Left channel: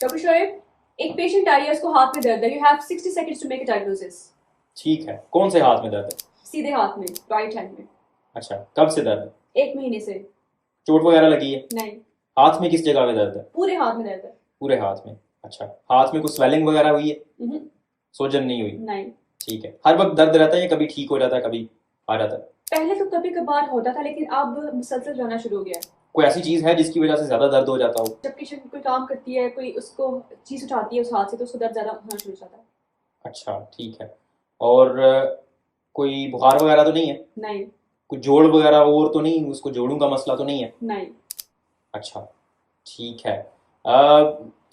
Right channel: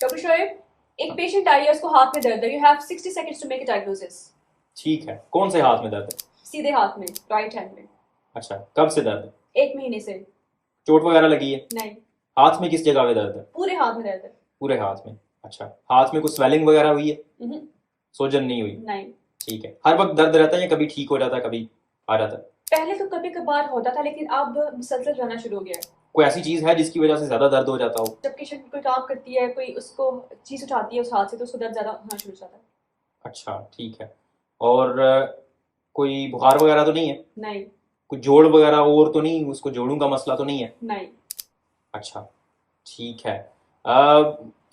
Doctor Shoaib, एक patient आई है, उसको हाथ में दर्द है। You have 60 seconds to make a diagnosis. ठीक है, कौन से हाथ में दर्द है? सीधे हाथ में, राइट हैंड में। अच्छा, कब से दर्द है? 1 महीने से। चोट वगैरह लगी है? नहीं। हाथ में किस जगह पे दर्द है? पूरे हाथ में दर्द है। पूरे हाथ में। अच्छा, हाथ में कुछ स्वेलिंग वगैरह हुई है? हम्म, सोजन नहीं हुई? नहीं। ठीक है, हर वक्त दर्द रहता है या कभी ठीक हो जाता है, कभी आ जाता है? पहले तो कभी कभार होता था, लेकिन अब मुसलसल रहना शुरू हो गया है। कोई ऐसी चीज है जिसकी वजह से ज्यादा दर्द हो जाता हो? जब पेशेंट कोई काम करती है, कोई उसको चीज उठाती है उस हाथ से, तो उसको दर्द ज्यादा होना शुरू हो जाता है। अच्छा, ठीक है। और कोई बुखार वगैरह तो नहीं है? नहीं। कोई जोड़ वगैरह और तो नहीं, उसको जोड़ों का मसला तो नहीं है? नहीं। अच्छा, ठीक है।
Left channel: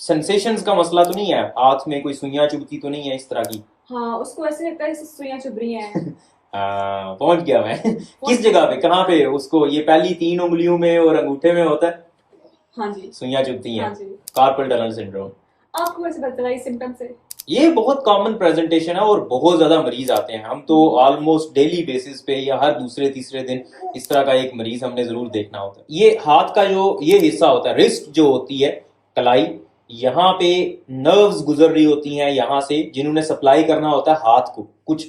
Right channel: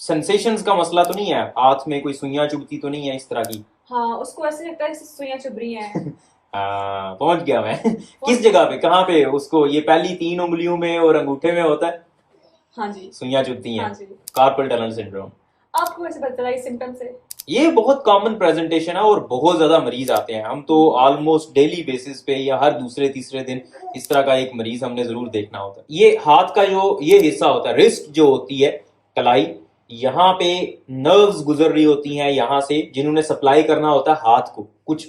सेंसेशंस का मसला तो नहीं है? हाथ में कोई सुइयां चुभती तो नहीं है इस तरह की? हाँ, उसको ऐसे लगता है जैसे सुइयां चुभ रही हैं। पहुंच गया मैं। किस जगह पे, कहाँ पे उसको? ये पहली 3 उंगलियों में और अंगूठे में होता है? हाँ जी। सुइयां चुभती हैं? हाँ जी। Carpal tunnel syndrome. आपको ऐसे पता चला इस सिम्टम से? ये बहुत कॉमन प्रेजेंटेशन है और बहुत ज्यादा मरीज आते हैं। हम तो ऑलमोस्ट डेली बेसिस पे या हर दूसरे तीसरे दिन इस तरह का एक मरीज हमने जरूर देखना होता है। ये हाथ का जो ये हिस्सा होता है, रिस्ट जो होती है, कलाई, यहाँ पे नर्व्स गुजर रही होती हैं यहाँ से, जिन्होंने सप्लाई करना होता है हाथ को। कुछ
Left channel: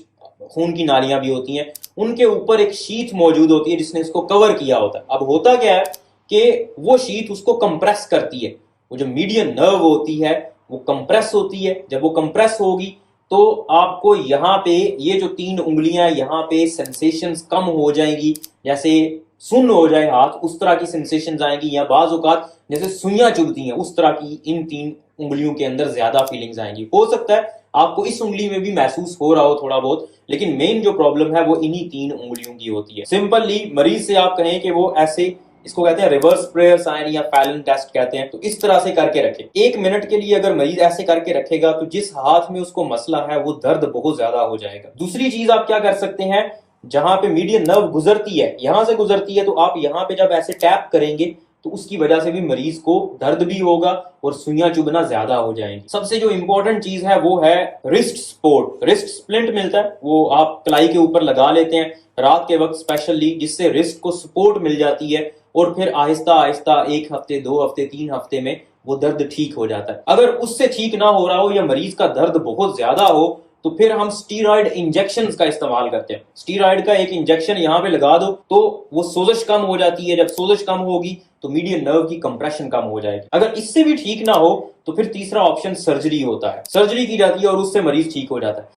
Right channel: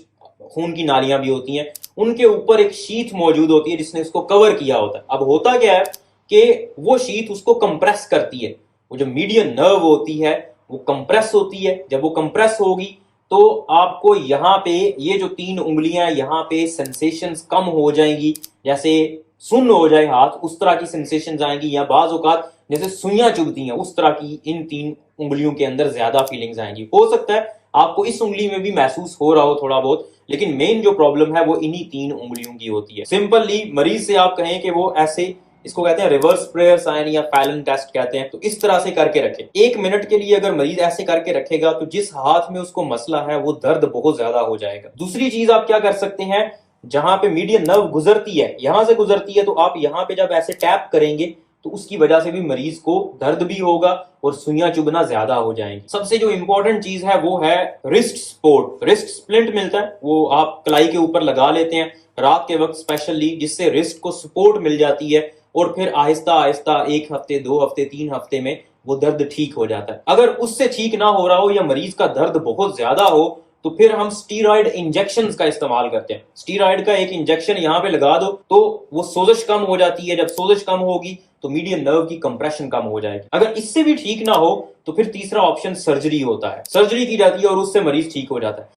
खून की नालियां भी होती हैं, उनके ऊपर एक शीथ मौजूद होती है जिसने इसको कवर किया होता है। अब होता क्या है कि वो शीथ उसको कंप्रेस करती है। वो जो मीडियन नर्व होती है वो कंप्रेस होती है। जब वो कंप्रेस होगी तो आपको यहाँ पे ये जो 3 उंगलियां यहाँ पे सेंसेशंस कम हो जाएंगी, जैसे सुन्न हो जाए हाथ, उस तरह की सेंसेशंस आएंगी, या बाज औकात जैसे सुइयां चुभती हैं उस तरह की इन 3 उंगलियों के अंदर ज्यादा फीलिंग्स आएंगी। हो सकता है आपको इस उंगली में भी महसूस हो रहा हो थोड़ा बहुत, लेकिन मेन जो प्रॉब्लम है वो इन्हीं 3 उंगलियों की होती है। सिंपली मरीज से आप कहें कि वो ऐसे, इसको कहते हैं रिवर्स प्रेयर साइन या फैलन टेस्ट कहते हैं, तो इस तरह से करके रखे। 1 मिनट के लिए अगर मरीज ऐसे करके रखेगा तो जिस हाथ में उसको मसला है वो दर्द बहुत ज्यादा हो जाएगा। दूसरी चीज आप क्या कर सकते हैं, जहां पे मीडियन नर्व गुजरती है, यहां से गुजरती है, तो आप यहां पे जब ऐसे टैप करेंगे तो उसकी वजह से भी मरीज को दर्द भी होगा और सुइयां चुभना ज्यादा हो जाएंगी। सबसे जो इंपॉर्टेंट चीज है वो है रिस्ट सपोर्ट। रिस्ट स्प्लिंट मिलता है, वो आप कलाई के ऊपर लगा लेते हैं रात के वक्त स्पेशली, जिससे रिस्ट को सपोर्ट मिल जाती है और फिर आहिस्ता आहिस्ता 1 हफ्ते 2 हफ्ते 3 हफ्ते में वो दर्द ठीक हो जाता है। अगर उससे ठीक ना हो रहा हो या मरीज का दर्द बहुत ज्यादा हो तो फिर हम स्टीरॉयड इंजेक्शन का इस्तेमाल करते हैं। स्टीरॉयड का एक इंजेक्शन यहाँ पे लगा दो तो वो सोजिश कम हो जाती है। जब सोजिश कम होगी तो मीडियन नर्व की कंप्रेशन कम हो जाएगी। अगर इससे भी ठीक ना हो तो फिर तीसरा ऑप्शन सर्जरी होता है। सर्जरी की जाती है और उससे मरीज ठीक हो जाता है।